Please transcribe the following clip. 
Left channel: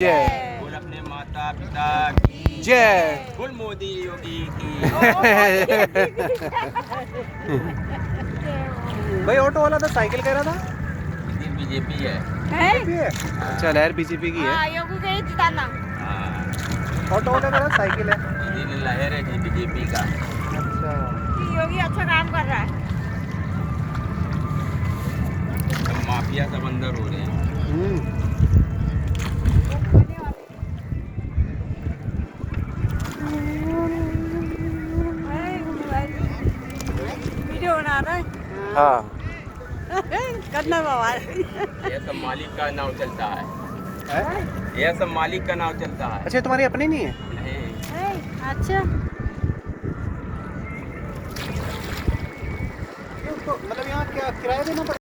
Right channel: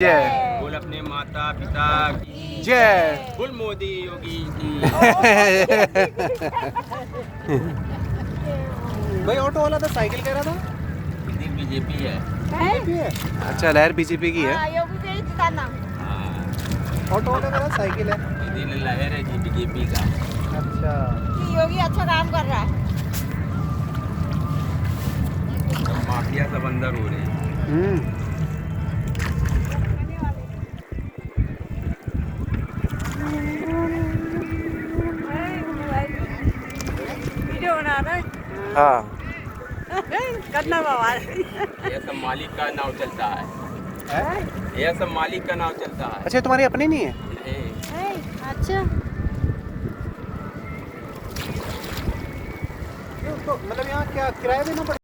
जय। बोल अपने माता पिता की जय। बोल मोदी योगी की। भाई ऑटो वाला तो साइकिल कह रहा था। ये बीजेपी है। बीजेपी है। अच्छा लहर बीजेपी की है। ऑटो वाला कह रहा साइकिल है। ये लहर है बीजेपी का। अच्छा योगी अच्छा काम कर रहा है। माफिया सब अंदर हो रहे हैं। वीडियो बना रहे हाँ करना बाबा। ये सब मालिक का नाव चलता है। ये सब मालिक का नाव चलता है। अच्छा तुम्हारी अपनी नहीं है। अच्छा तो मतलब यहाँ क्या किराया देना पड़ेगा।